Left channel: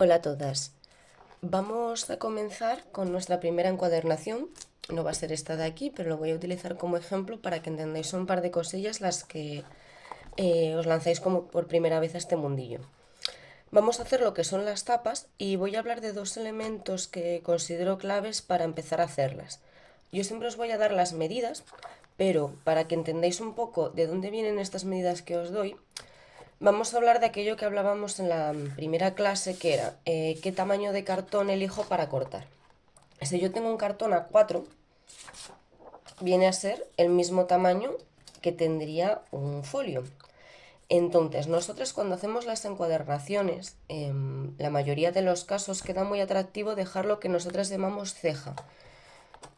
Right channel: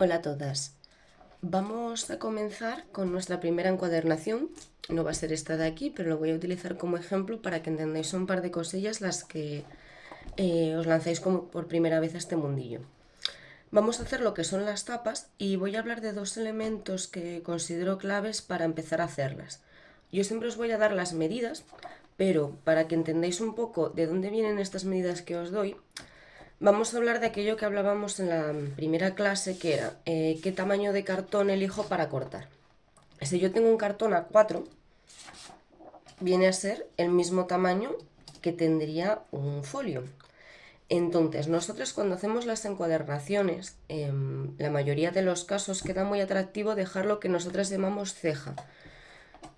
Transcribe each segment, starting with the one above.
Hola a todas. Vamos a comenzar con nuestra primera encuadernación. No va a ser esta de aquí, pero lo voy a utilizar como ejemplo para que entendáis un par de cosillas las que os lanzáis como por primera vez a este mundillo. Vamos a hacer lo que son las tapas y voy a hablar de dos elementos que considero claves para empezar a hacerlas. Yo siempre os voy a dar las medidas, pero para que entendáis un poco de dónde vienen estas medidas que os doy, vamos a hablar de aquello que hablábamos en la primera clase, que era qué tamaño de cartón elijo para cortar. Si yo tengo un cartón A4, viene a ser el mismo tamaño que tendría un folio. Entonces, nosotros cuando hacemos las encuadernaciones, la mayoría de los casos queda muy atractivo dejar lo que nosotras llamamos ceja.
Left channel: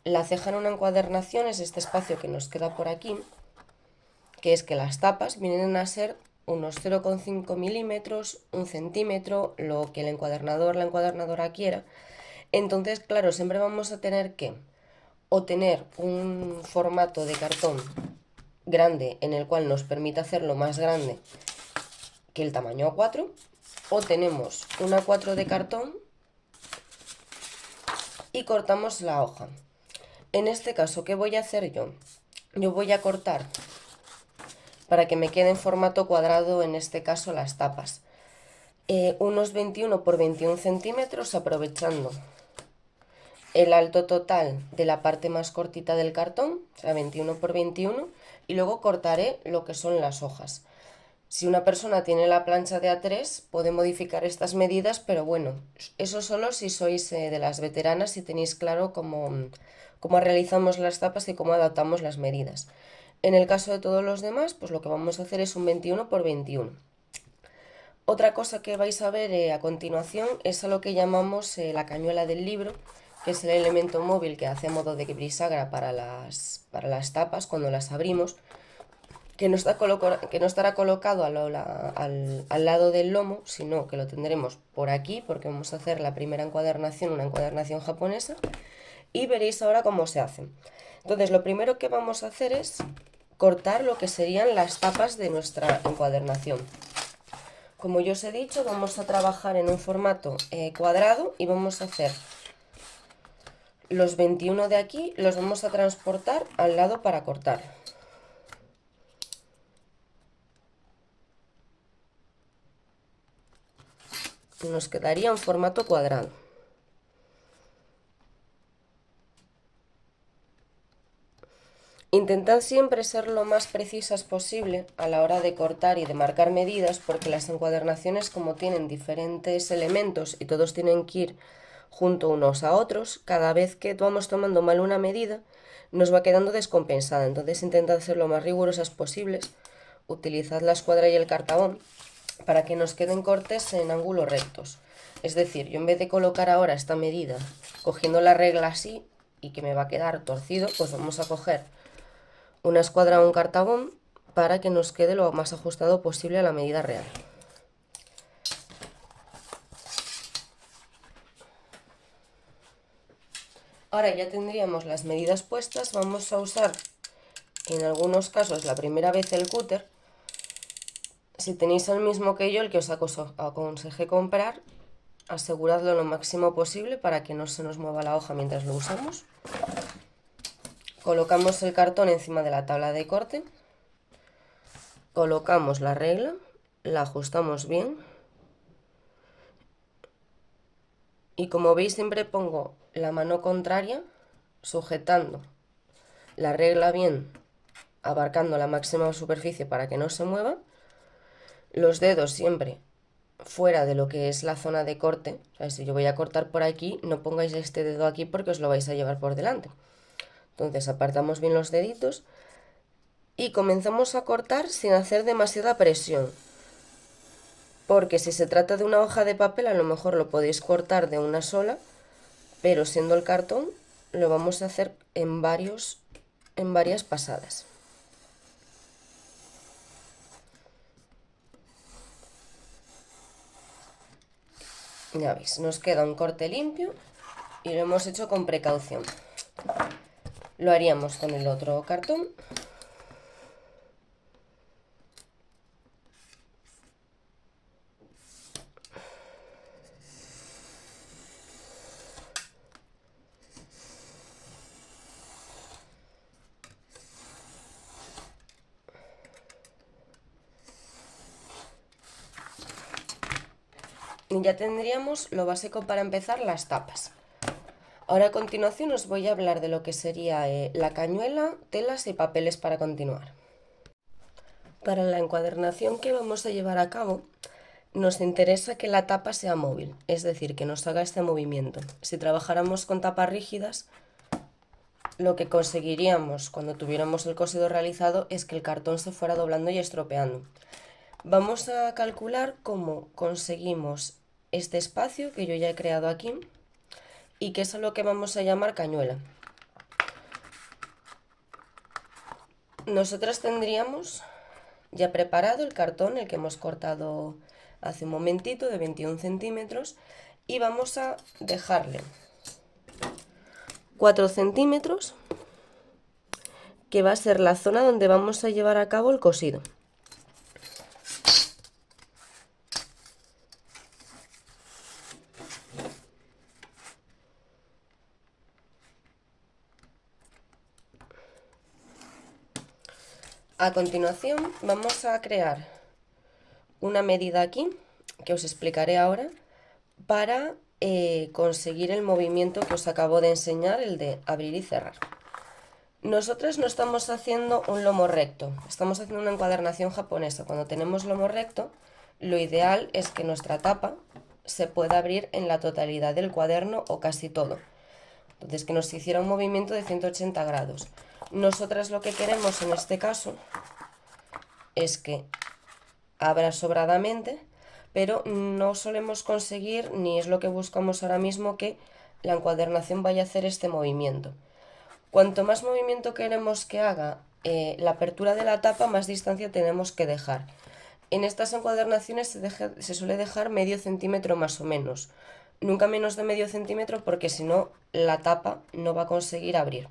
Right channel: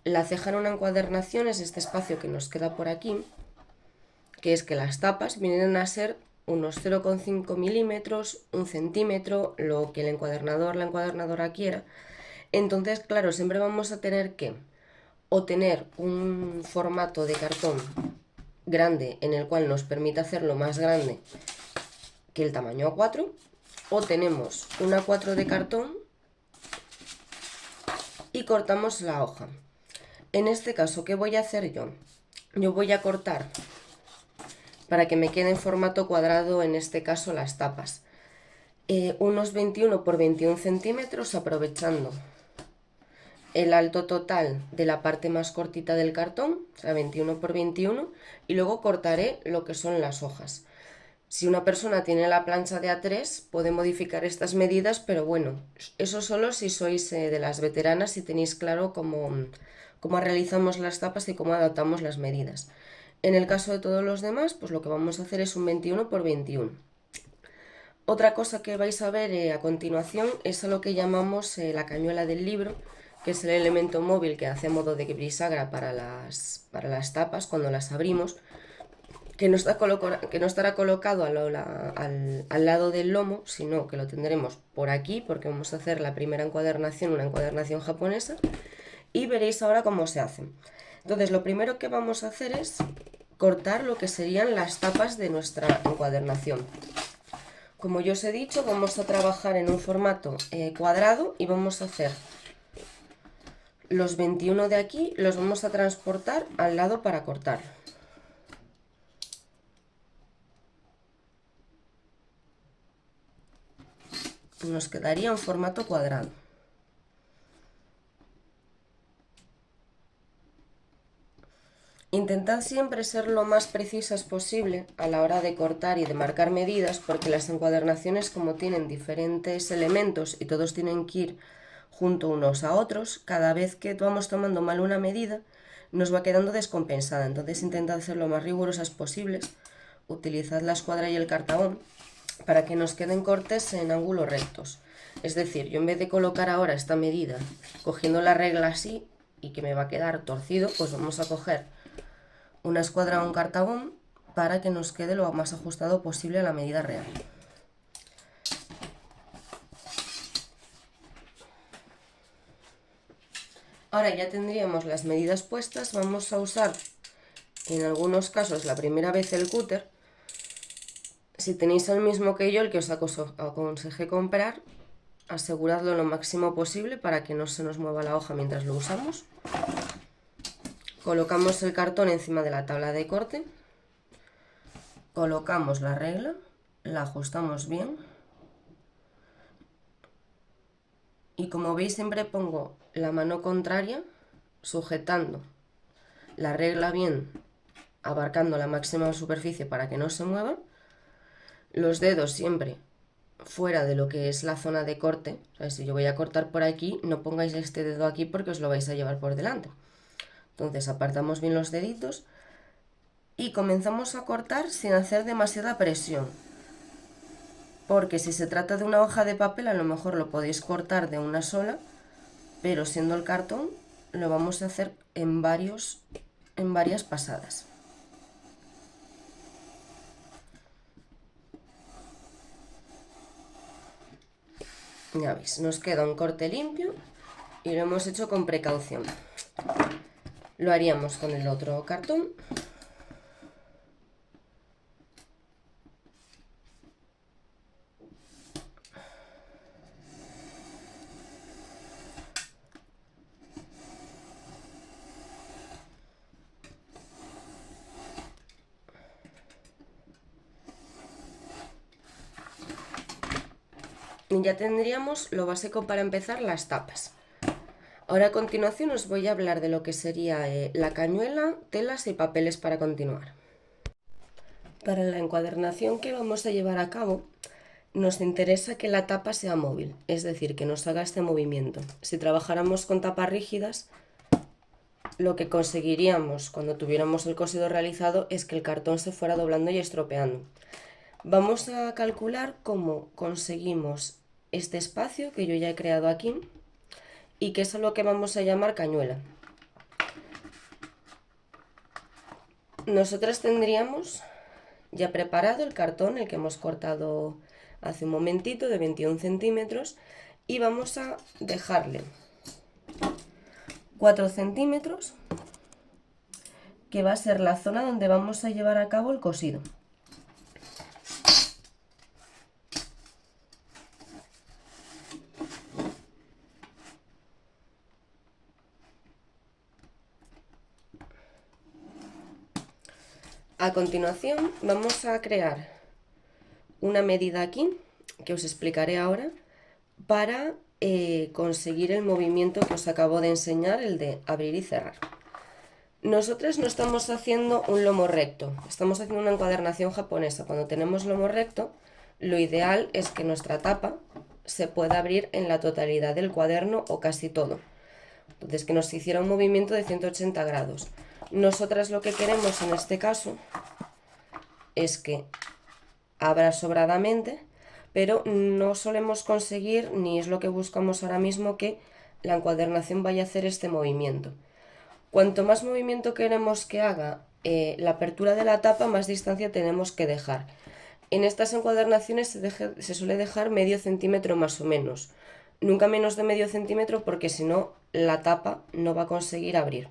La ceja en una encuadernación es este espacio que nos queda por aquí, que es que las tapas vienen a ser unos 0,5 milímetros, un centímetro, lo que el encuadernador, la encuadernadora quiera. Entonces, claro, siempre vamos a tener que o tener un formato de cartón grande en el cual nos permita hacerlo más grande que el tamaño A4, o tenemos un A4 de cartón y cortamos la hoja. En este caso, ¿qué voy a hacer yo? Yo voy a cortar para que me quede en formato cuadrado, en este caso las tapas. Unos 21 por 21 centímetros, aprovechando el alto total de la parte más cortita del cartón, o sea, 21 por 21, y luego cortaré lo que son las hojas. Si una persona tiene la plancha de A3, puede modificar estas medidas, pero bueno, eso solo si sois de las veteranas y tenéis claro cómo realizamos las tapas y cómo adaptamos las medidas. En el caso de todos los demás, pues lo que vamos a hacer es un 21 por 21. Otra cosa que vais a ver a continuación es a lo que llamamos la cañuela del libro, que es el elemento móvil que hace a modo de bisagra para las tapas cuando las abrimos, que no estará colocado al lado del lomo, sino que lo tendremos por aquí, porque vamos a hacer la primera encuadernación, una encuadernación japonesa, y veréis ahora cómo se hacen. Entonces, lo primero que vamos a hacer es cortar lo que serían las tapas de nuestra encuadernación. Como yo os he dicho, vamos a trabajar en un formato cuadrado y vamos a hacer los 21 de aquí, los vamos a transportar al lado para cortar. Nos quedaría un formato cuadrado. Intentad siempre ser lo más precisas posible a la hora de cortar y de marcar medidas, porque las encuadernaciones, como tienen diferentes elementos y todos tienen que ir junto unos a otros, cada vez que vamos tomando mal una medida nos va quedando descompensada. Entonces intentad ser lo más rigurosas posibles. Utilizad la escuadra y el cartabón para que nos queden cortes en ángulos rectos. Es decir, yo en vez de colocar ahora esta medida cogiendo la regla así y que me va a quedar torcido, pues vamos a coger una escuadra o un cartabón para que nos quede lo más ajustado posible a la medida real. Ahora ya tendríamos las medidas puestas. Vamos a usar en algunos casos la primera vez el cúter. Si tenéis el mismo que yo, el que os aconsejé comprar, aseguradlo lo máximo posible para que no se nos mueva la hoja mientras lo usamos. Colocamos el cartón encima de la tabla de corte, colocamos la regla, la ajustamos bien y, como veis, siempre pongo la mano contraria sujetando la regla bien, abarcando la máxima superficie para que no se mueva, los dedos siempre fuera de lo que es la zona de corte. O sea, si yo voy a cortar por aquí, no pongáis este dedo aquí porque os lo vais a llevar por delante. Entonces apartamos bien los deditos y comenzamos a cortar sin hacer demasiada presión, porque si se trata de una hoja de papel a lo mejor lo podéis cortar de una sola, pero siendo el cartón lo vamos a hacer en varias pasadas. Ya veis, nos queda un corte limpio y lo hemos hecho con precaución. Lo haríamos con el otro cartón. Y ya tendríamos lo básico para empezar, las tapas. Ahora a continuación os voy a hablar de lo que sería la cañuela, telas y papeles para continuar. Para la encuadernación que vamos a llevar a cabo, nos interesa que la tapa sea móvil, es decir, que nos haga este movimiento. Si trabajáramos con tapas rígidas, lo que conseguiríamos cuando tuviéramos el cosido realizado es que el cartón se fuera doblando y estropeando. Vamos a calcular cómo conseguimos este espacio que yo ya he creado aquí y que es lo que vamos a llamar cañuela. Nosotras tendríamos ya preparado el cartón, el que hemos cortado hace un momentito, de 21 centímetros, y vamos a dejarle 4 centímetros, que va a ser la zona donde vamos a llevar a cabo el cosido. A continuación vamos a crear una medida aquí, que os explicaré ahora, para conseguir el movimiento que os acabo de enseñar, el de abrir y cerrar. Nosotras no estamos haciendo un lomo recto, estamos haciendo una encuadernación japonesa. Cuando tenemos lomo recto, lo ideal es que nuestra tapa se pueda abrir en la totalidad del cuaderno o casi todo. Entonces, que nos hiciera un movimiento de 180 grados. Nosotras lo que queremos en este caso es que abra sobradamente, pero no solemos conseguir, ni es lo que buscamos ahora mismo, que la encuadernación vaya a hacer este movimiento. Cuanto más movimiento queremos que haga la apertura de la tapa, más distancia tenemos que dejar. En estas encuadernaciones se suele dejar medio centímetro más o menos. Nunca menos de medio centímetro, porque si no la tapa no va a conseguir abrir.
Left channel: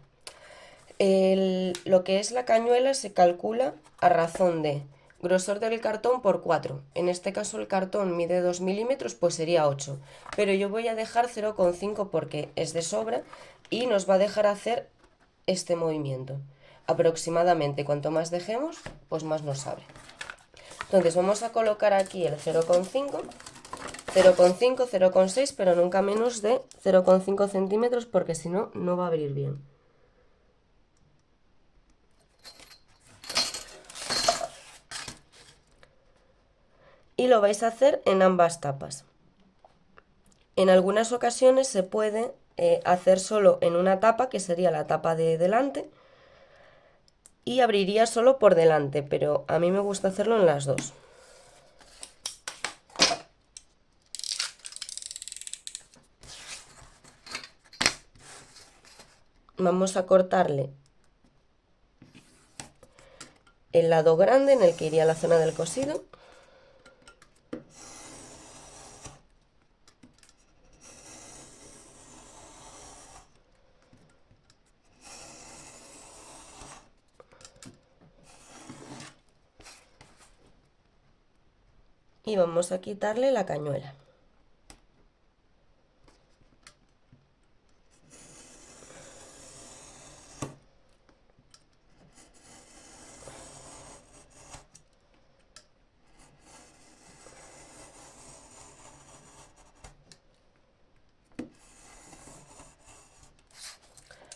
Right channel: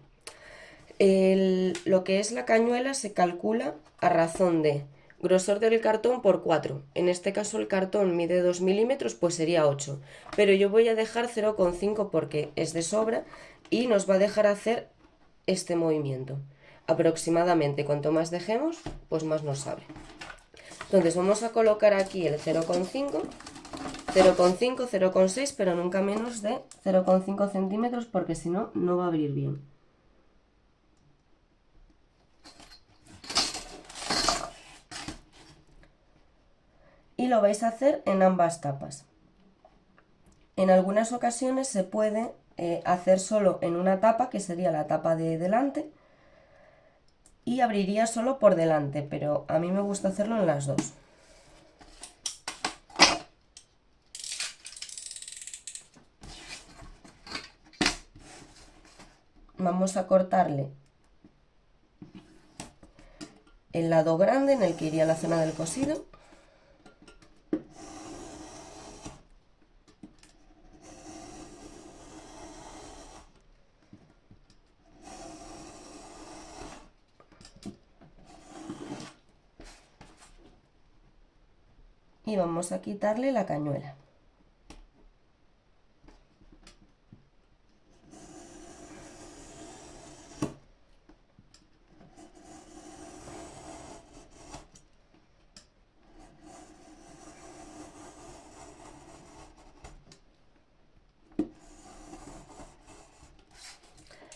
Lo que es la cañuela se calcula a razón de grosor del cartón por 4. En este caso el cartón mide 2 milímetros, pues sería 8. Pero yo voy a dejar 0,5 porque es de sobra y nos va a dejar hacer este movimiento. Aproximadamente, cuanto más dejemos, pues más nos abre. Entonces vamos a colocar aquí el 0,5, 0,5, 0,6, pero nunca menos de 0,5 centímetros porque si no, no va a abrir bien. Y lo vais a hacer en ambas tapas. En algunas ocasiones se puede hacer solo en una tapa, que sería la tapa de delante, y abriría solo por delante, pero a mí me gusta hacerlo en las dos. Vamos a cortarle el lado grande en el que iría la zona del cosido. Y vamos a quitarle la cañuela.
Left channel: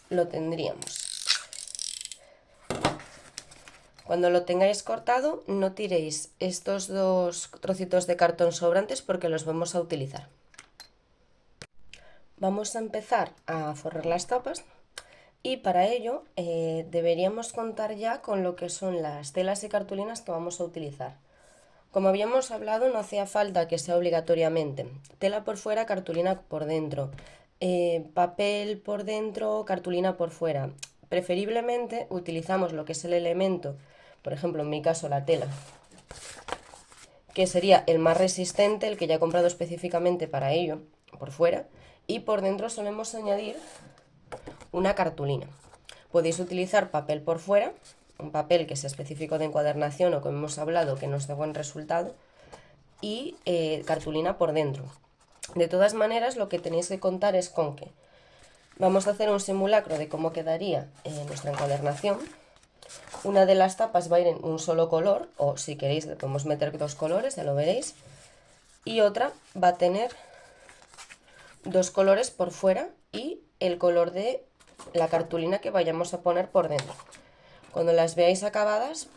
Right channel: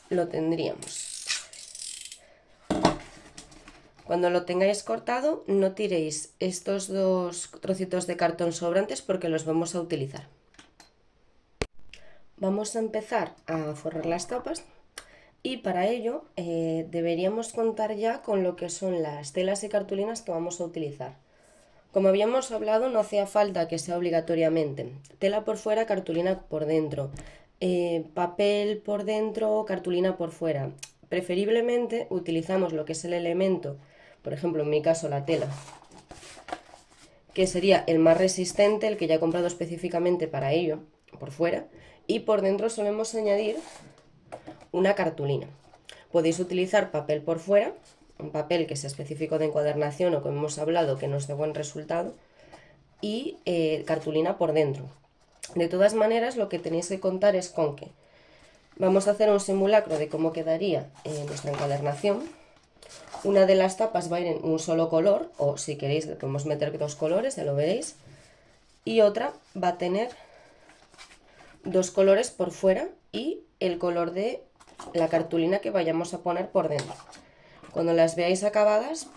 Lo tendríamos. Cuando lo tengáis cortado, no tiréis estos dos trocitos de cartón sobrantes porque los vamos a utilizar. Vamos a empezar a forrar las tapas y para ello deberíamos contar ya con lo que son las telas y cartulinas que vamos a utilizar. Como habíamos hablado, no hacía falta que sea obligatoriamente tela por fuera, cartulina por dentro, papel por dentro, cartulina por fuera. Preferiblemente utilizamos lo que es el elemento, por ejemplo en mi caso la tela, que sería el más resistente, el que ya he comprado específicamente para ello, por fuera, y por dentro solemos añadir una cartulina. Podéis utilizar papel por fuera, un papel que sea específico de encuadernación o como hemos hablado que nos dé buen resultado, y cartulina por dentro. De todas maneras, lo que tenéis que contar es con que vamos a hacer un simulacro de cómo quedaría nuestra encuadernación. Una de las tapas va a ir en un solo color, o si queréis le podemos meter dos colores, ya lo veréis. y otra va a tener dos colores por fuera y el color de la cartulina que vayamos a poner por dentro. Cuando las veáis acabadas,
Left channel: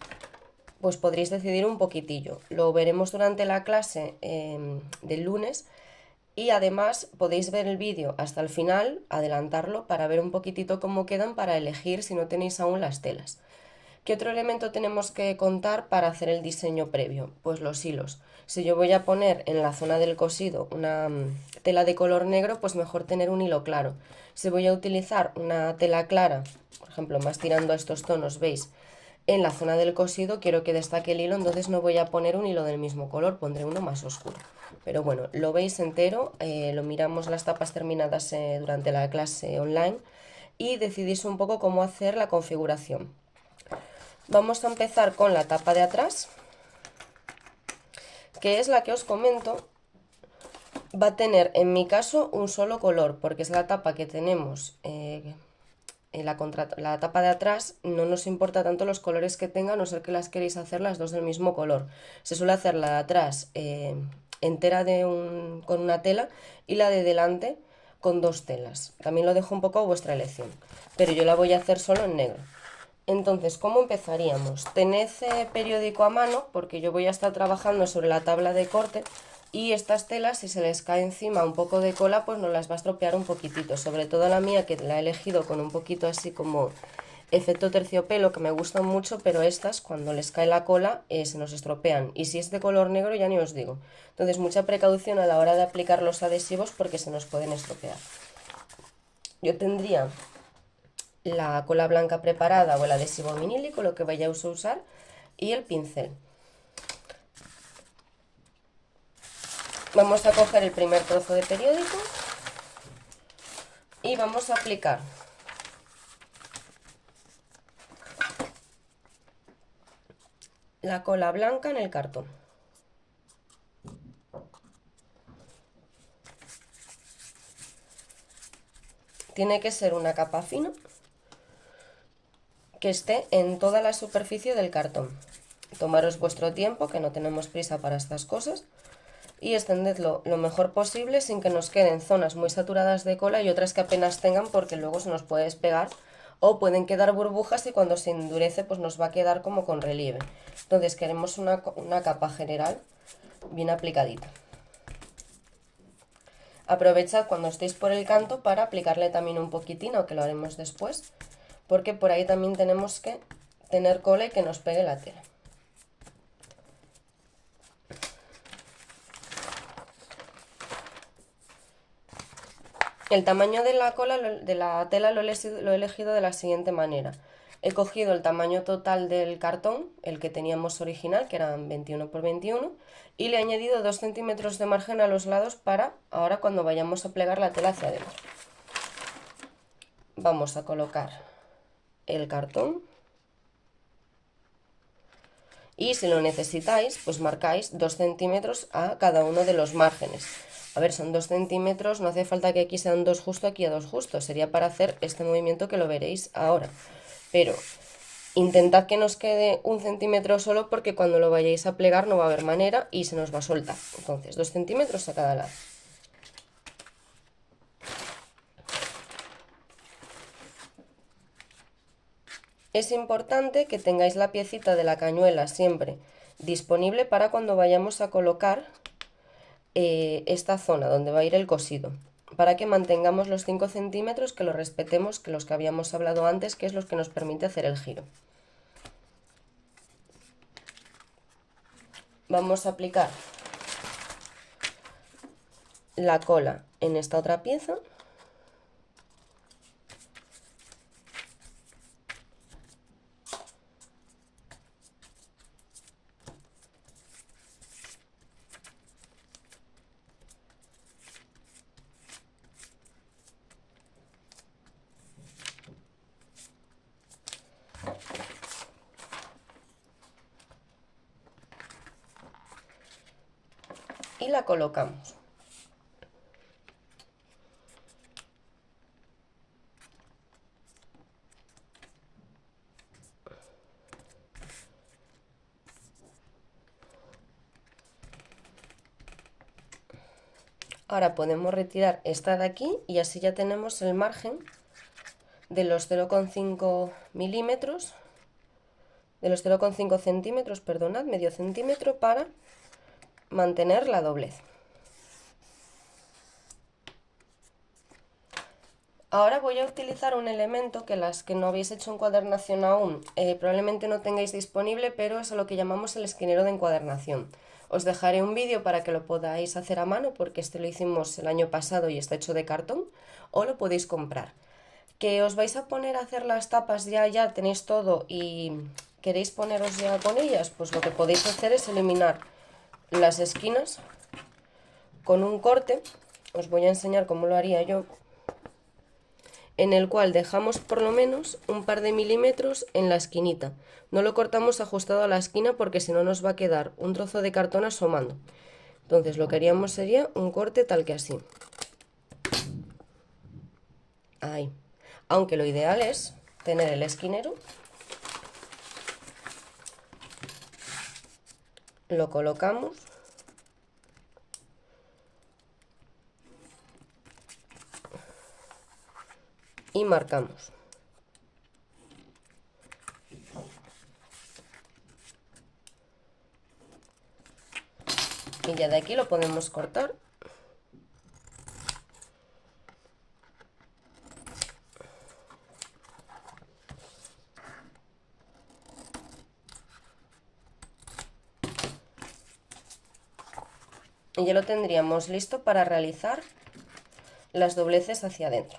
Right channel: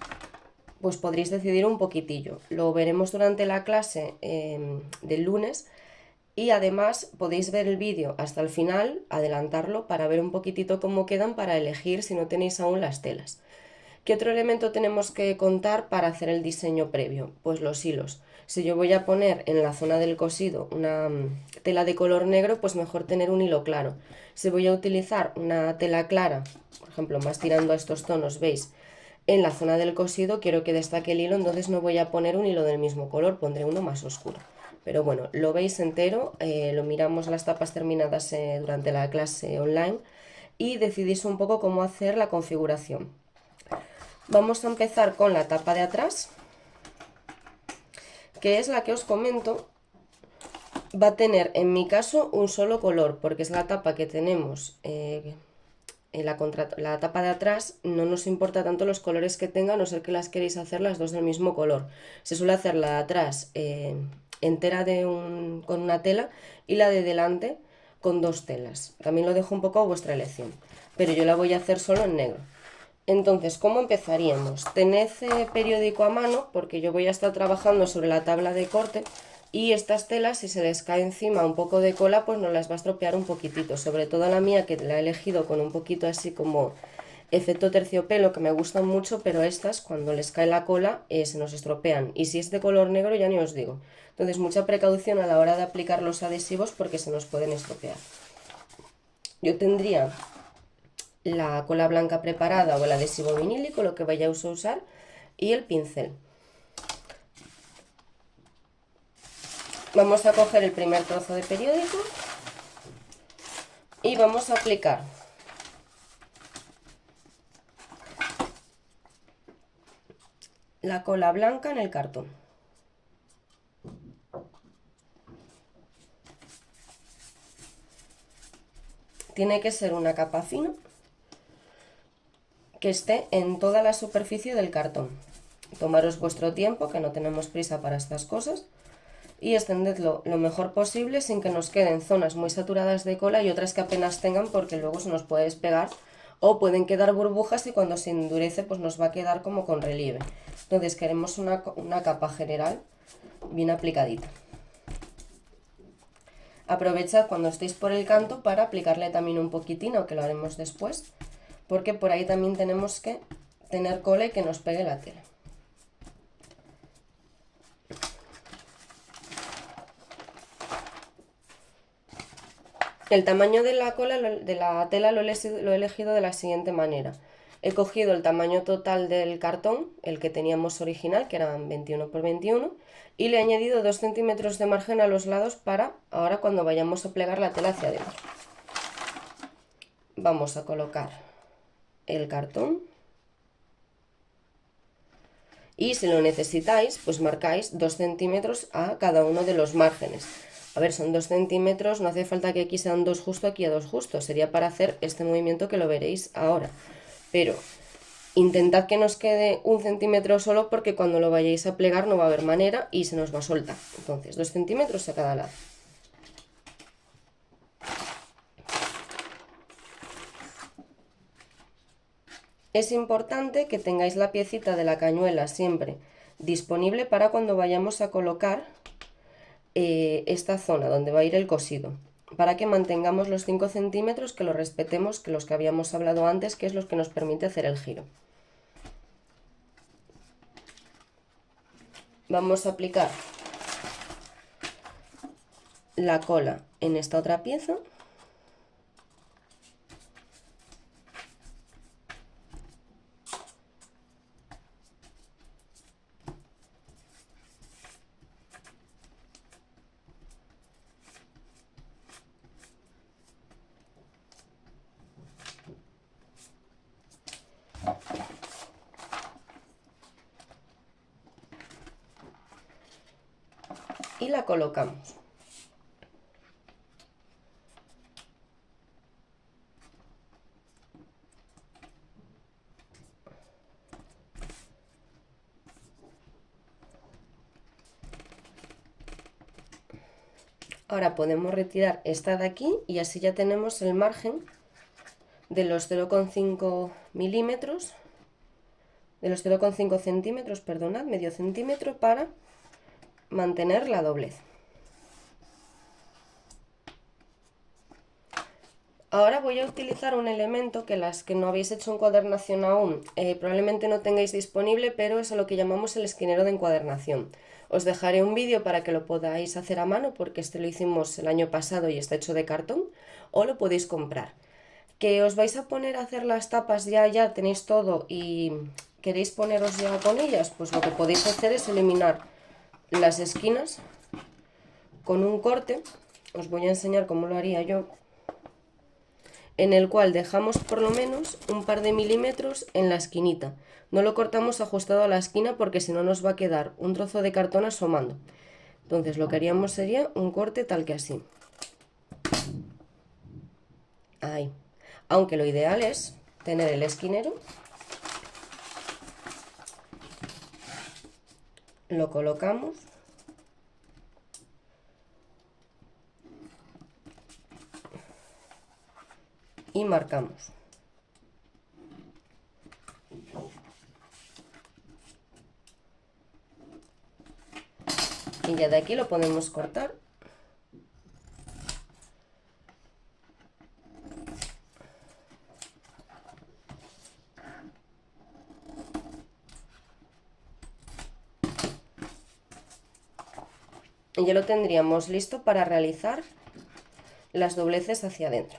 pues podréis decidir un poquitillo. Lo veremos durante la clase del lunes y además podéis ver el vídeo hasta el final, adelantarlo para ver un poquitito cómo quedan para elegir si no tenéis aún las telas. ¿Qué otro elemento tenemos que contar para hacer el diseño previo? Pues los hilos. Si yo voy a poner en la zona del cosido una tela de color negro, pues mejor tener un hilo claro. Si voy a utilizar una tela clara, por ejemplo, más tirando a estos tonos, ¿veis? En la zona del cosido quiero que destaque el hilo, entonces no voy a poner un hilo del mismo color, pondré uno más oscuro. Pero bueno, lo veis entero, lo miramos las tapas terminadas durante la clase online y decidís un poco cómo hacer la configuración. Vamos a empezar con la tapa de atrás, que es la que os comento. Va a tener en mi caso un solo color, porque es la tapa que tenemos en la tapa de atrás. No nos importa tanto los colores que tenga, a no ser que las queréis hacer las dos del mismo color. Se suele hacer la de atrás entera con una tela y la de delante con dos telas. También lo dejo un poco a vuestra elección, pero yo la voy a hacer solo en negro. Entonces, ¿cómo empezaríamos? Tened periódico a mano, porque yo voy a estar trabajando sobre la tabla de corte y estas telas, si se les cae encima un poco de cola, pues nos las va a estropear un poquitito. Sobre todo la mía, que la he elegido con un poquito así como efecto terciopelo, que me gustan mucho, pero estas, cuando les cae la cola, se nos estropean. Y si es de color negro, ya ni os digo. Entonces, mucha precaución a la hora de aplicar los adhesivos porque se nos pueden estropear. Yo tendría la cola blanca preparada o el adhesivo vinílico, lo que vayáis a usar, y el pincel. Vamos a coger el primer trozo de periódico y vamos a aplicar la cola blanca en el cartón. Tiene que ser una capa fina que esté en toda la superficie del cartón. Tomaros vuestro tiempo, que no tenemos prisa para estas cosas, y extendedlo lo mejor posible sin que nos queden zonas muy saturadas de cola y otras que apenas tengan, porque luego se nos puede despegar o pueden quedar burbujas y cuando se endurece pues nos va a quedar como con relieve. Entonces queremos una capa general bien aplicadita. Aprovechad cuando estéis por el canto para aplicarle también un poquitín, aunque lo haremos después, porque por ahí también tenemos que tener cola y que nos pegue la tela. El tamaño de la cola de la tela lo he elegido de la siguiente manera. He cogido el tamaño total del cartón, el que teníamos original, que eran 21 por 21, y le he añadido 2 centímetros de margen a los lados para ahora cuando vayamos a plegar la tela hacia adentro. Vamos a colocar el cartón y si lo necesitáis, pues marcáis 2 centímetros a cada uno de los márgenes. A ver, son 2 centímetros, no hace falta que aquí sean 2 justo, aquí a 2 justo, sería para hacer este movimiento que lo veréis ahora. Pero intentad que nos quede 1 centímetro solo porque cuando lo vayáis a plegar no va a haber manera y se nos va a soltar. Entonces, 2 centímetros a cada lado. Es importante que tengáis la piecita de la cañuela siempre disponible para cuando vayamos a colocar esta zona donde va a ir el cosido, para que mantengamos los 5 centímetros, que lo respetemos, que los que habíamos hablado antes, que es los que nos permite hacer el giro. Vamos a aplicar la cola en esta otra pieza. Y la colocamos. Ahora podemos retirar esta de aquí y así ya tenemos el margen de los 0,5 milímetros, de los 0,5 centímetros, perdonad, medio centímetro, para mantener la doblez. Ahora voy a utilizar un elemento que las que no habéis hecho encuadernación aún probablemente no tengáis disponible, pero es lo que llamamos el esquinero de encuadernación. Os dejaré un vídeo para que lo podáis hacer a mano, porque este lo hicimos el año pasado y está hecho de cartón, o lo podéis comprar. Que os vais a poner a hacer las tapas ya tenéis todo y queréis poneros ya con ellas, pues lo que podéis hacer es eliminar las esquinas con un corte. Os voy a enseñar cómo lo haría yo, en el cual dejamos por lo menos un par de milímetros en la esquinita. No lo cortamos ajustado a la esquina porque si no nos va a quedar un trozo de cartón asomando. Entonces lo que haríamos sería un corte tal que así. Ahí. Aunque lo ideal es tener el esquinero, lo colocamos y marcamos. Y ya de aquí lo podemos cortar. Y ya lo tendríamos listo para realizar las dobleces hacia adentro.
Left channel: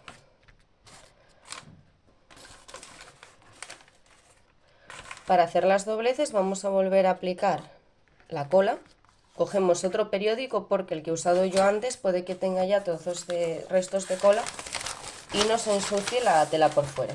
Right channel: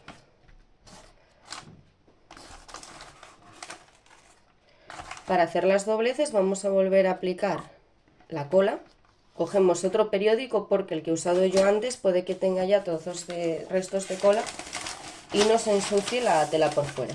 Para hacer las dobleces vamos a volver a aplicar la cola. Cogemos otro periódico porque el que he usado yo antes puede que tenga ya trozos de restos de cola y no se ensucie la tela por fuera.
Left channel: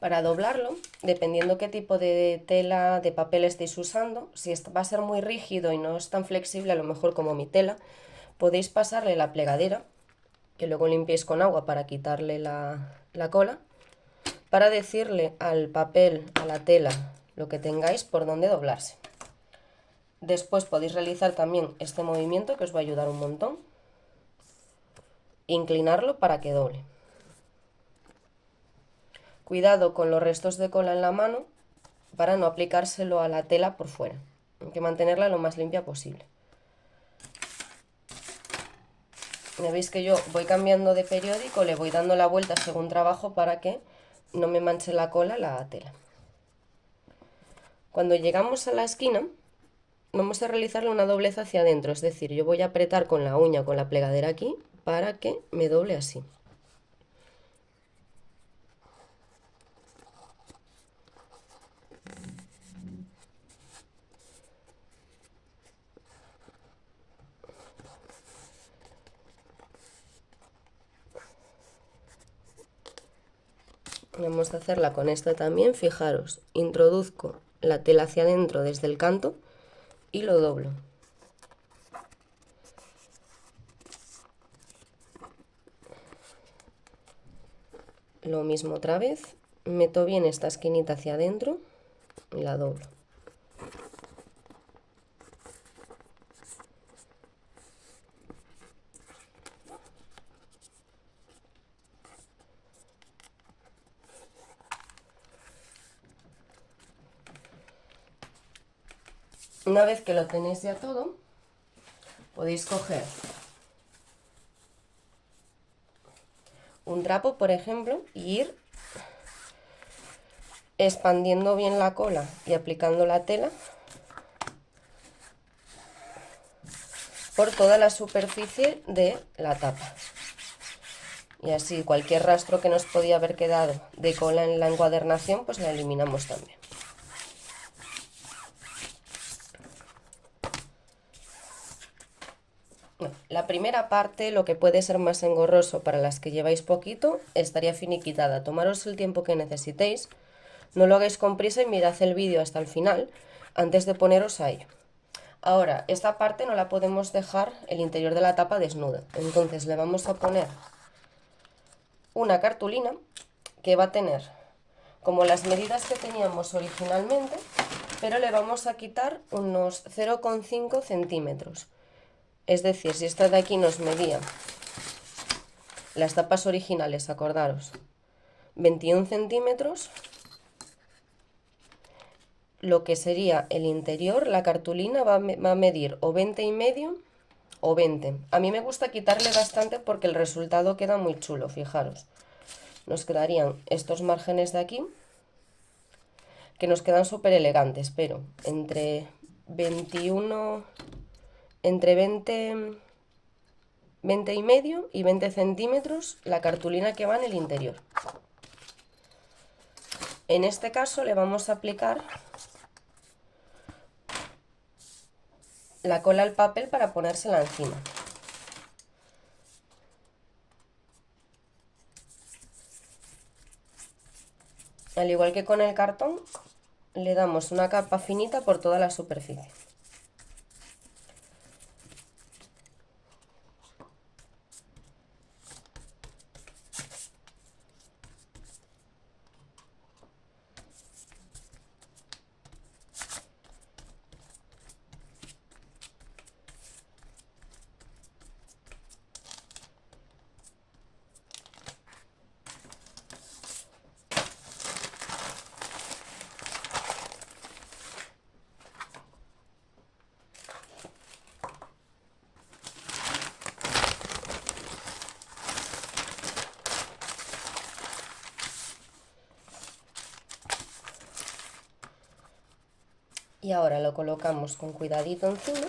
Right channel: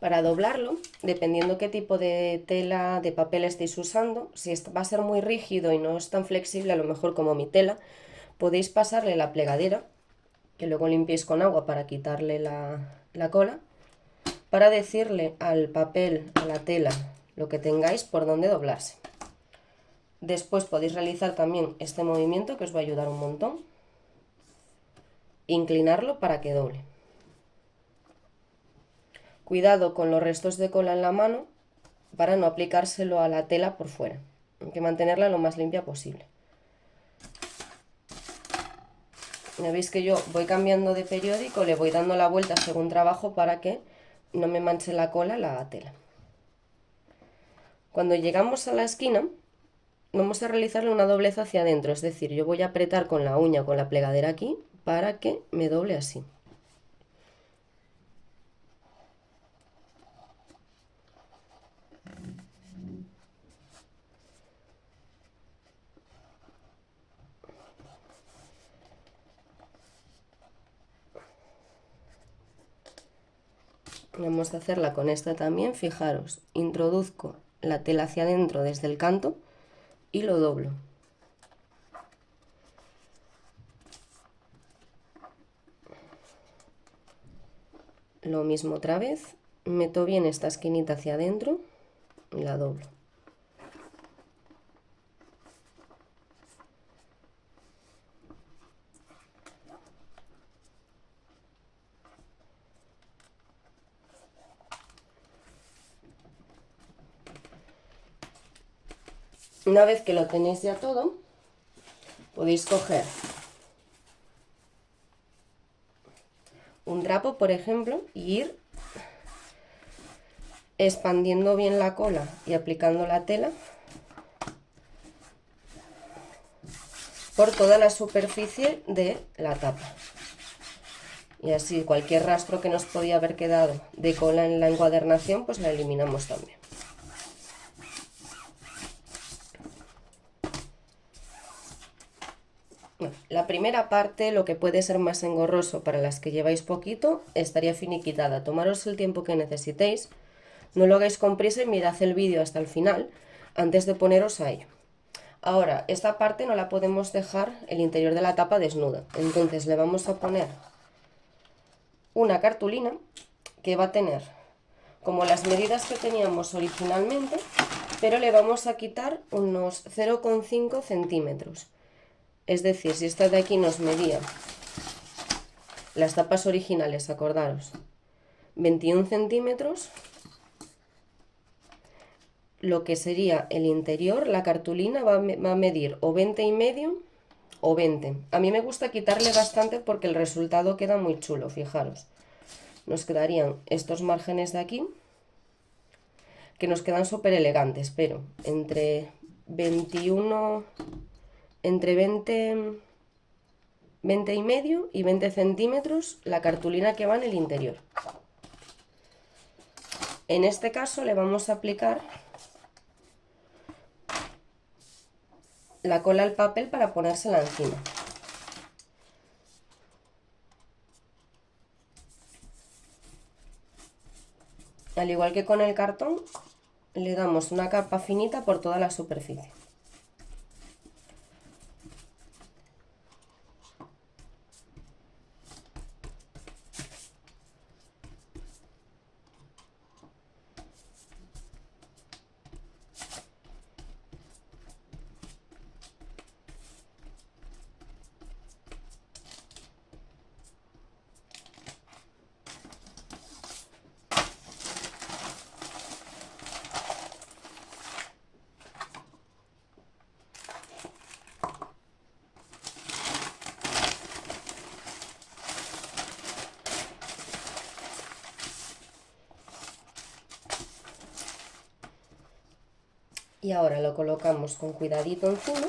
Para doblarlo, dependiendo qué tipo de tela, de papel estéis usando, si va a ser muy rígido y no es tan flexible, a lo mejor como mi tela, podéis pasarle la plegadera, que luego limpiéis con agua para quitarle la cola, para decirle al papel, a la tela, lo que tengáis por dónde doblarse. Después podéis realizar también este movimiento que os va a ayudar un montón. Inclinarlo para que doble. Cuidado con los restos de cola en la mano para no aplicárselo a la tela por fuera. Hay que mantenerla lo más limpia posible. Ya veis que yo voy cambiando de periódico, le voy dando la vuelta según trabajo para que no me manche la cola la tela. Cuando llegamos a la esquina, vamos a realizarle una doblez hacia adentro, es decir, yo voy a apretar con la uña, con la plegadera aquí, para que me doble así. Vamos a hacerla con esta también, fijaros, introduzco la tela hacia adentro desde el canto y lo doblo. Lo mismo otra vez, meto bien esta esquinita hacia adentro y la doblo. Una vez que lo tenéis ya todo, podéis coger un trapo, por ejemplo, y ir expandiendo bien la cola y aplicando la tela por toda la superficie de la tapa. Y así cualquier rastro que nos podía haber quedado de cola en la encuadernación, pues la eliminamos también. Bueno, la primera parte, lo que puede ser más engorroso para las que lleváis poquito, estaría finiquitada. Tomaros el tiempo que necesitéis, no lo hagáis con prisa y mirad el vídeo hasta el final antes de poneros a ello. Ahora, esta parte no la podemos dejar el interior de la tapa desnuda, entonces le vamos a poner una cartulina que va a tener como las medidas que teníamos originalmente, pero le vamos a quitar unos 0,5 centímetros. Es decir, si esta de aquí nos medía, las tapas originales, acordaros, 21 centímetros, lo que sería el interior, la cartulina va a medir o 20,5 o 20. A mí me gusta quitarle bastante porque el resultado queda muy chulo, fijaros. Nos quedarían estos márgenes de aquí, que nos quedan súper elegantes, pero entre 21, entre 20,5 y 20 centímetros la cartulina que va en el interior. En este caso le vamos a aplicar la cola al papel para ponérsela encima. Al igual que con el cartón, le damos una capa finita por toda la superficie. Y ahora lo colocamos con cuidadito encima.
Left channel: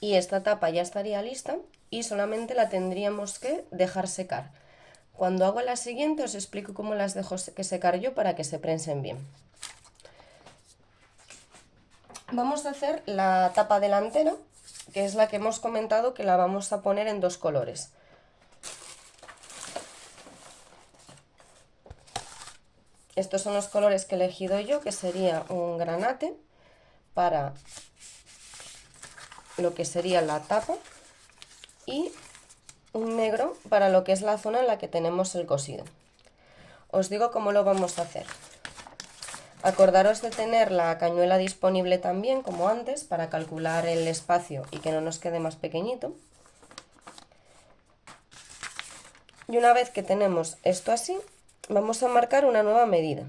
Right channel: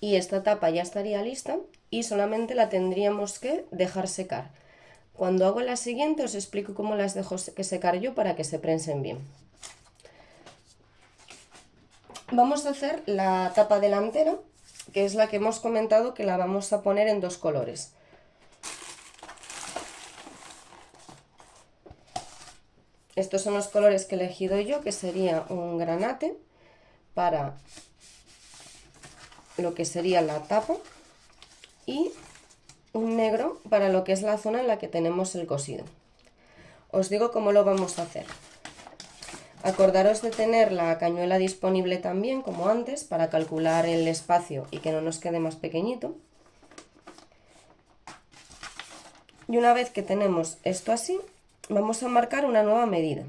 Y esta tapa ya estaría lista y solamente la tendríamos que dejar secar. Cuando hago la siguiente os explico cómo las dejo secar yo para que se prensen bien. Vamos a hacer la tapa delantera, que es la que hemos comentado que la vamos a poner en dos colores. Estos son los colores que he elegido yo, que sería un granate para lo que sería la tapa y un negro para lo que es la zona en la que tenemos el cosido. Os digo cómo lo vamos a hacer. Acordaros de tener la cañuela disponible también, como antes, para calcular el espacio y que no nos quede más pequeñito. Y una vez que tenemos esto así, vamos a marcar una nueva medida.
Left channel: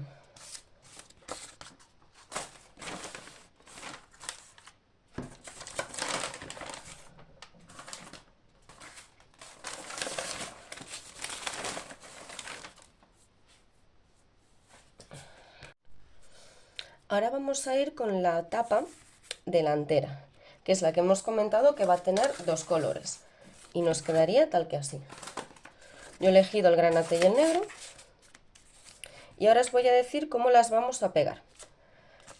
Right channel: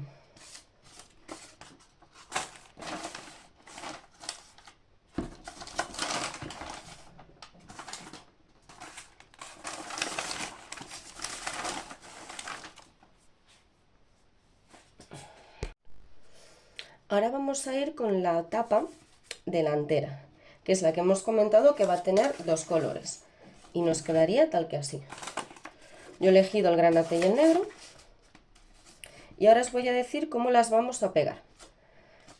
Ahora vamos a ir con la tapa delantera, que es la que hemos comentado que va a tener dos colores. Y nos quedaría tal que así. Yo he elegido el granate y el negro. Y ahora os voy a decir cómo las vamos a pegar.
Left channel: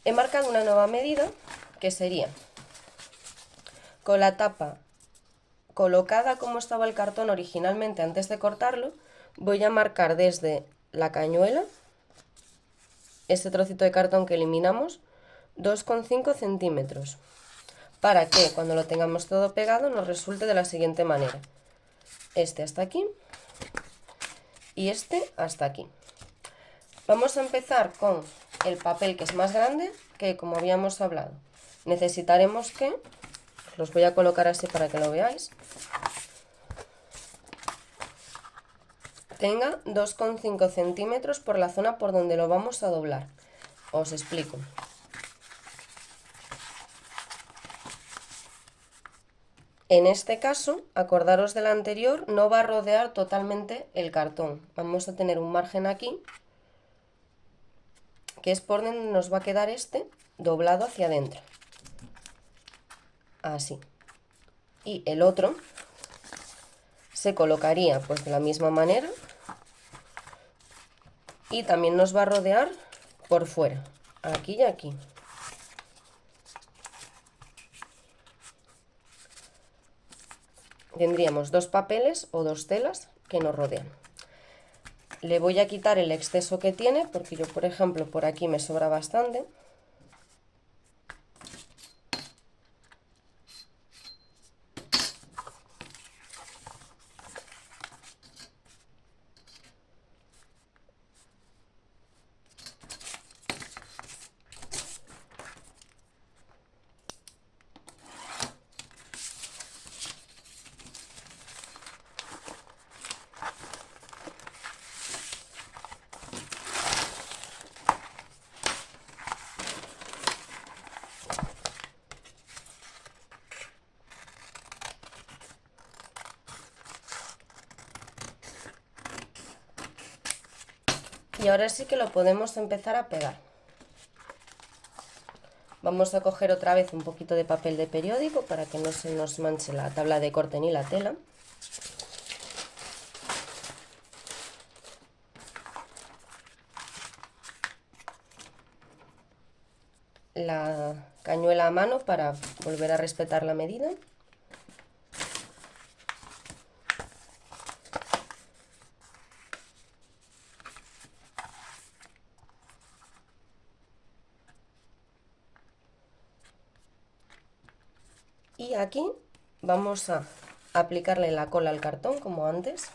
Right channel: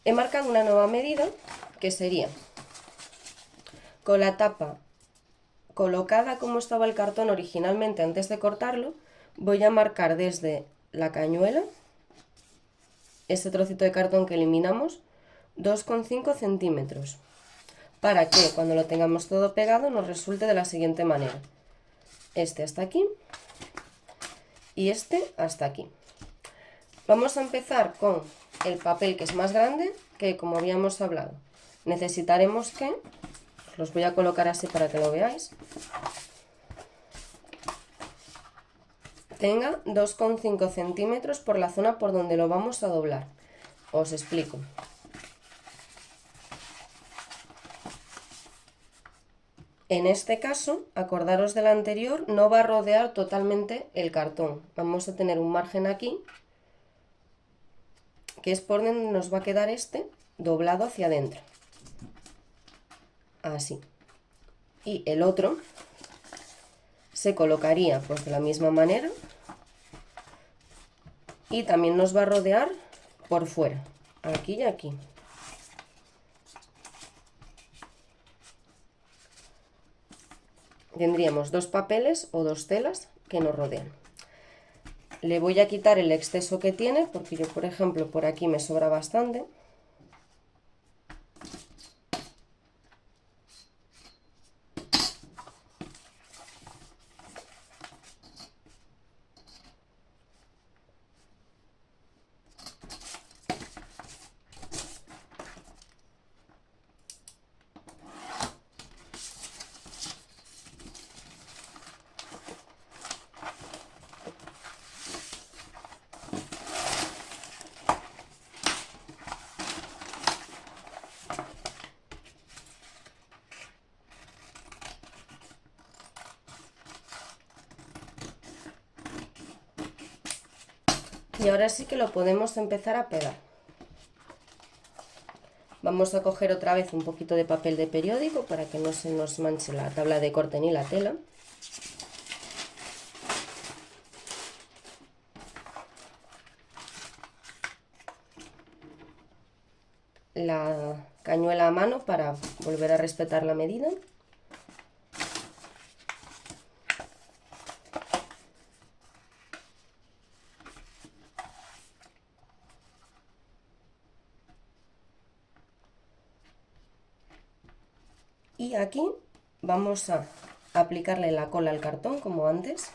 He marcado una nueva medida, que sería con la tapa colocada como estaba el cartón originalmente antes de cortarlo, voy a marcar desde la cañuela, este trocito de cartón que eliminamos, 2,5 centímetros, para que cuando lo tengamos todo pegado nos resulte de la siguiente manera. Este hasta aquí y este hasta aquí. Vamos a empezar con el papel que es más grande, que como habíamos hablado, necesitaremos que, los voy a colocar así para que lo veáis, tenga 2,5 centímetros por la zona por donde lo vamos a doblar. Os explico. En este caso, acordaros del anterior, no va a rodear totalmente el cartón. Vamos a tener un margen aquí, que es por donde nos va a quedar este doblado hacia adentro. Así. Y el otro se colocaría pues de la misma manera y también nos va a rodear por fuera, aquí y aquí. Tendríamos dos papeles o dos telas que nos rodean. Le voy a quitar el exceso que tiene, porque yo, por ejemplo, por aquí me sobra bastante. Y ahora sí que lo podemos empezar a pegar. Vamos a coger otra vez un poquito de papel de periódico para que no se nos manche la tabla de corte ni la tela. La cañuela a mano para volver a respetar la medida. Y aquí vamos a aplicarle la cola al cartón como antes.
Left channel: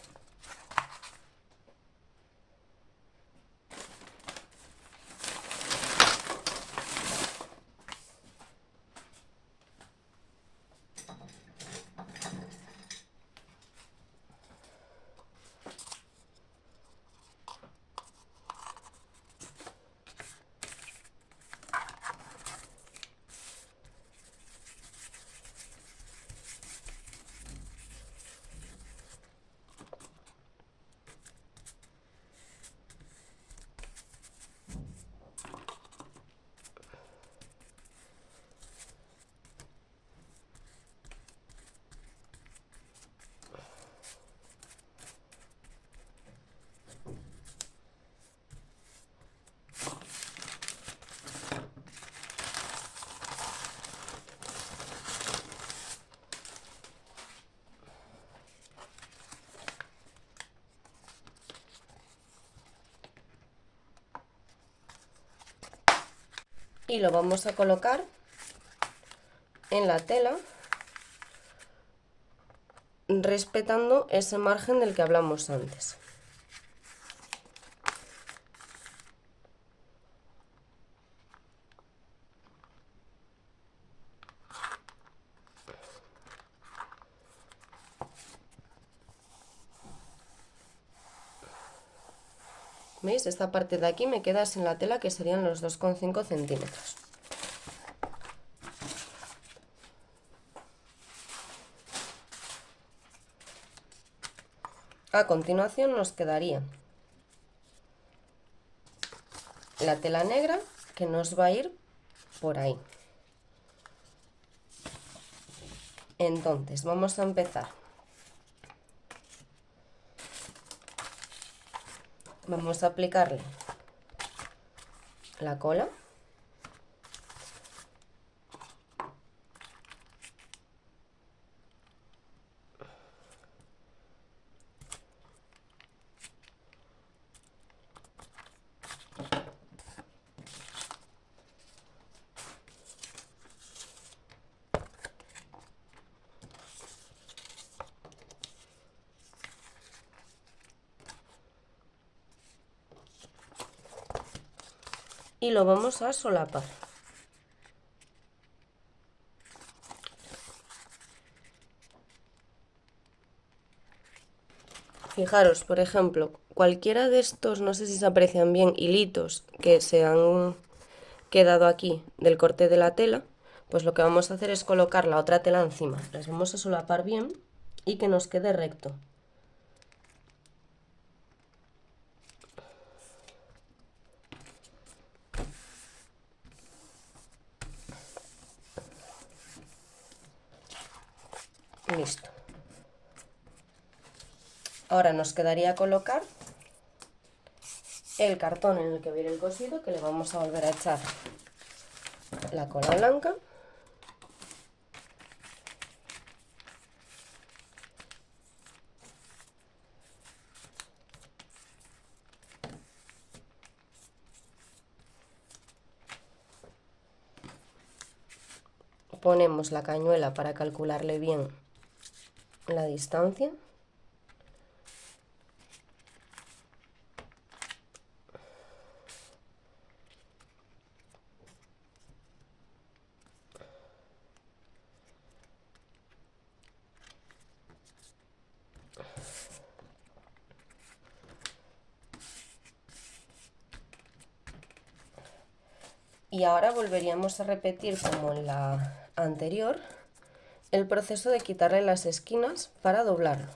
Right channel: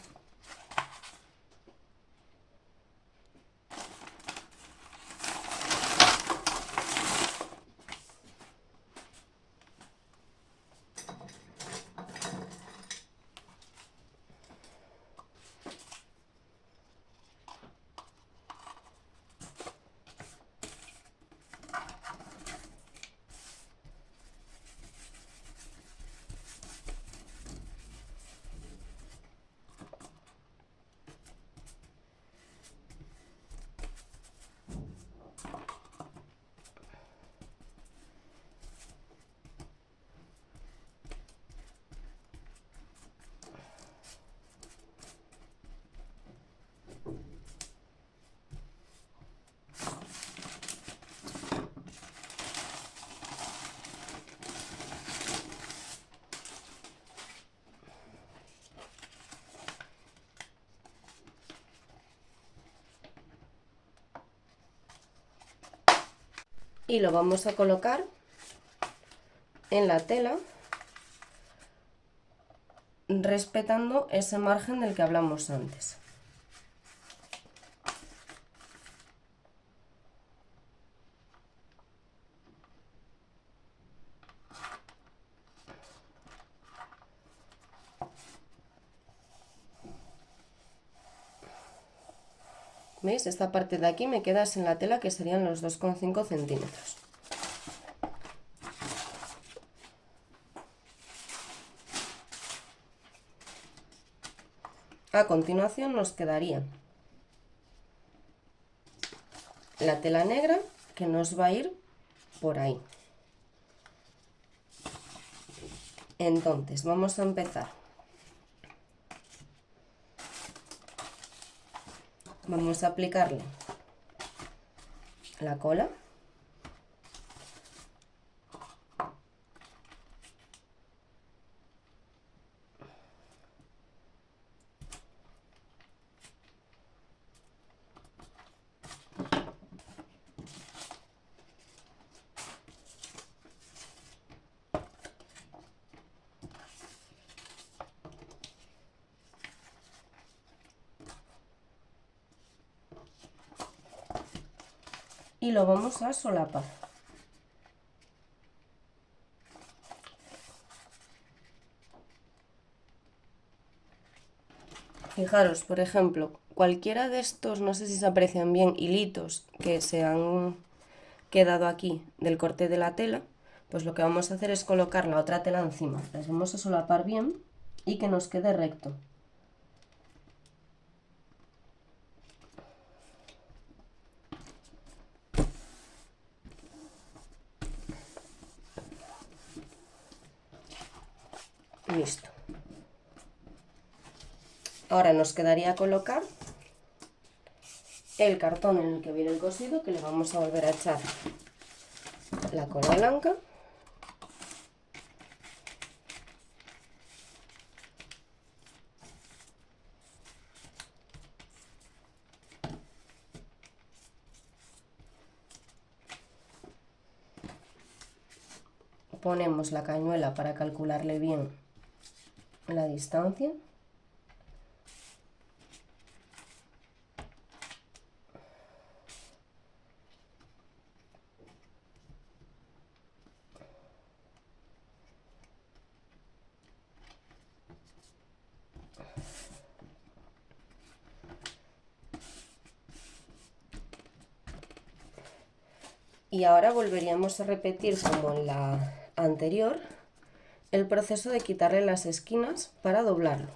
Y lo vamos a colocar en la tela respetando ese margen del que hablamos antes. ¿Veis? Esta parte de aquí me queda sin la tela, que serían los 2,5 centímetros. A continuación nos quedaría la tela negra, que nos va a ir por ahí. Entonces vamos a empezar. Vamos a aplicarle la cola. Y lo vamos a solapar. Fijaros, por ejemplo, cualquiera de estos, no sé si se aprecian bien, hilitos que se han quedado aquí del corte de la tela, pues lo que vamos a hacer es colocar la otra tela encima. Las vamos a solapar bien y que nos quede recto. Listo. Ahora nos quedaría colocar el cartón en el que viene el cosido, que le vamos a volver a echar la cola blanca. Ponemos la cañuela para calcularle bien la distancia. Y ahora volveríamos a repetir como en la anterior el proceso de quitarle las esquinas para doblarlo.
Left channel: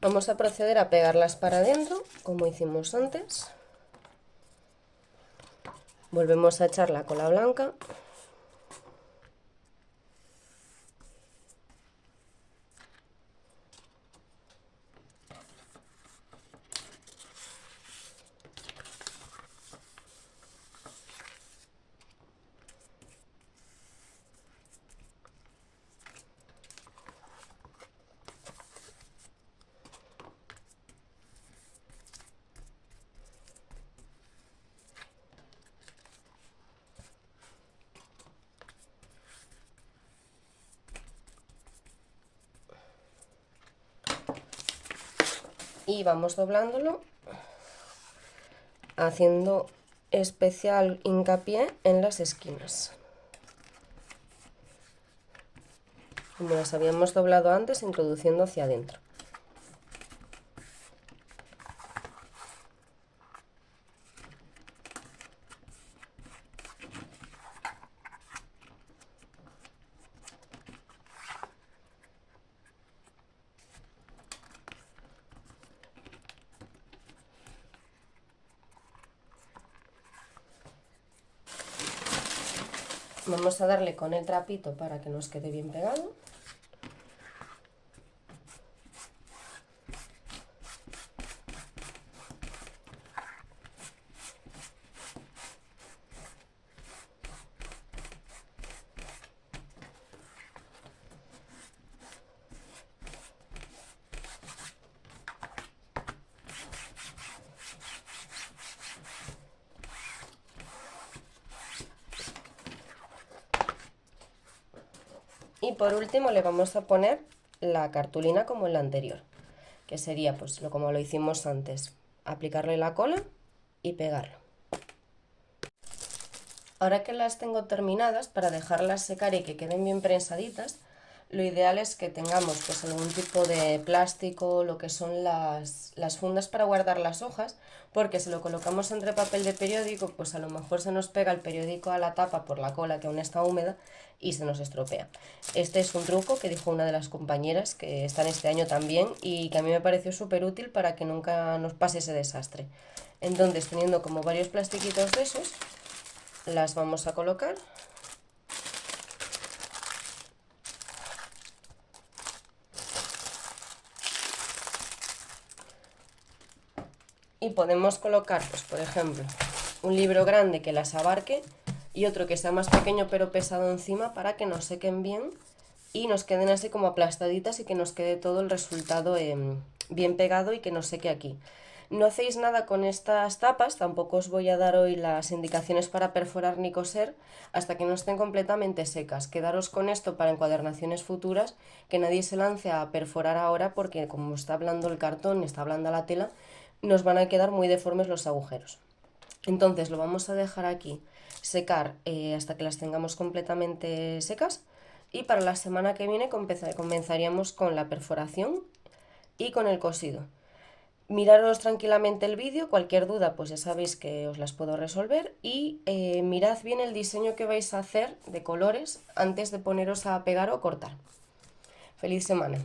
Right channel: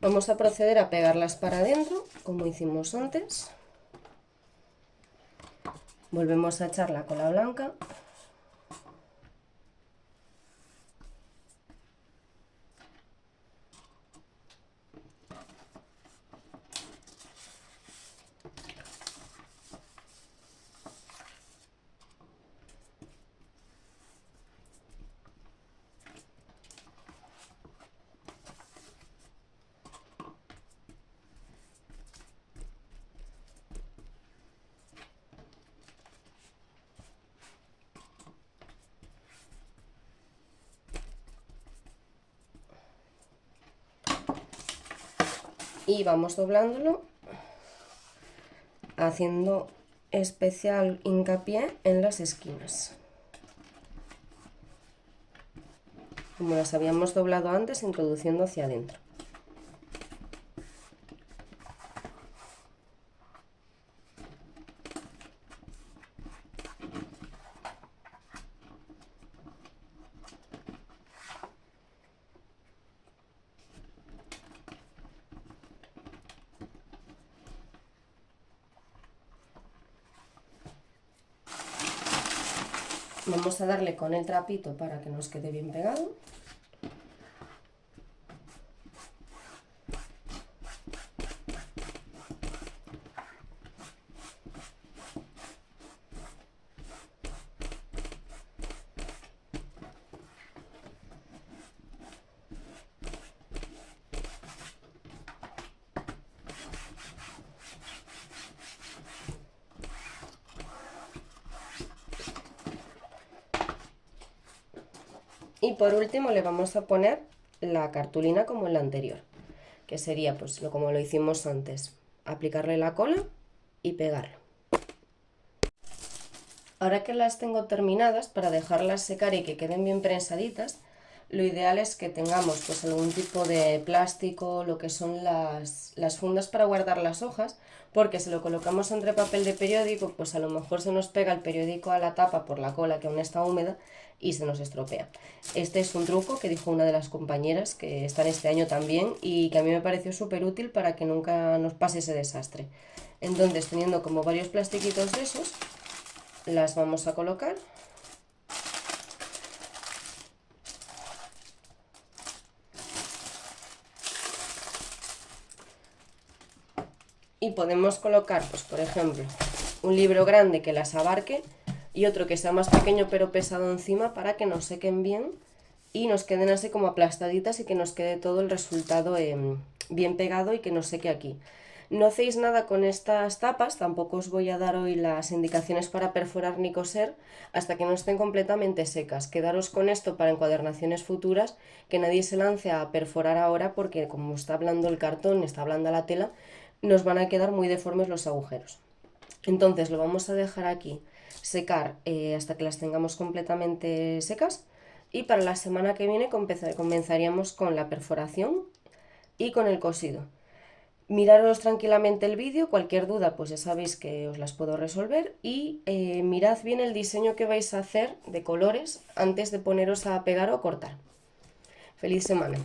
Vamos a proceder a pegarlas para adentro, como hicimos antes. Volvemos a echar la cola blanca. Y vamos doblándolo, haciendo especial hincapié en las esquinas. Como las habíamos doblado antes, introduciendo hacia adentro. Vamos a darle con el trapito para que nos quede bien pegado. Y por último le vamos a poner la cartulina como en la anterior, que sería pues como lo hicimos antes, aplicarle la cola y pegarlo. Ahora que las tengo terminadas, para dejarlas secar y que queden bien prensaditas, lo ideal es que tengamos pues algún tipo de plástico, lo que son las fundas para guardar las hojas, porque si lo colocamos entre papel de periódico, pues a lo mejor se nos pega el periódico a la tapa por la cola que aún está húmeda y se nos estropea. Este es un truco que dijo una de las compañeras que están este año también y que a mí me pareció súper útil para que nunca nos pase ese desastre. Entonces, teniendo como varios plastiquitos de esos, las vamos a colocar. y podemos colocar, pues por ejemplo, un libro grande que las abarque y otro que sea más pequeño pero pesado encima para que nos sequen bien y nos queden así como aplastaditas y que nos quede todo el resultado bien pegado y que no seque aquí. No hacéis nada con estas tapas, tampoco os voy a dar hoy las indicaciones para perforar ni coser hasta que no estén completamente secas. Quedaros con esto para encuadernaciones futuras, que nadie se lance a perforar ahora porque como está hablando el cartón, está blanda la tela, nos van a quedar muy deformes los agujeros. Entonces lo vamos a dejar aquí secar hasta que las tengamos completamente secas y para la semana que viene comenzaríamos con la perforación y con el cosido. Miraros tranquilamente el vídeo, cualquier duda pues ya sabéis que os las puedo resolver y mirad bien el diseño que vais a hacer de colores antes de poneros a pegar o cortar. ¡Feliz semana!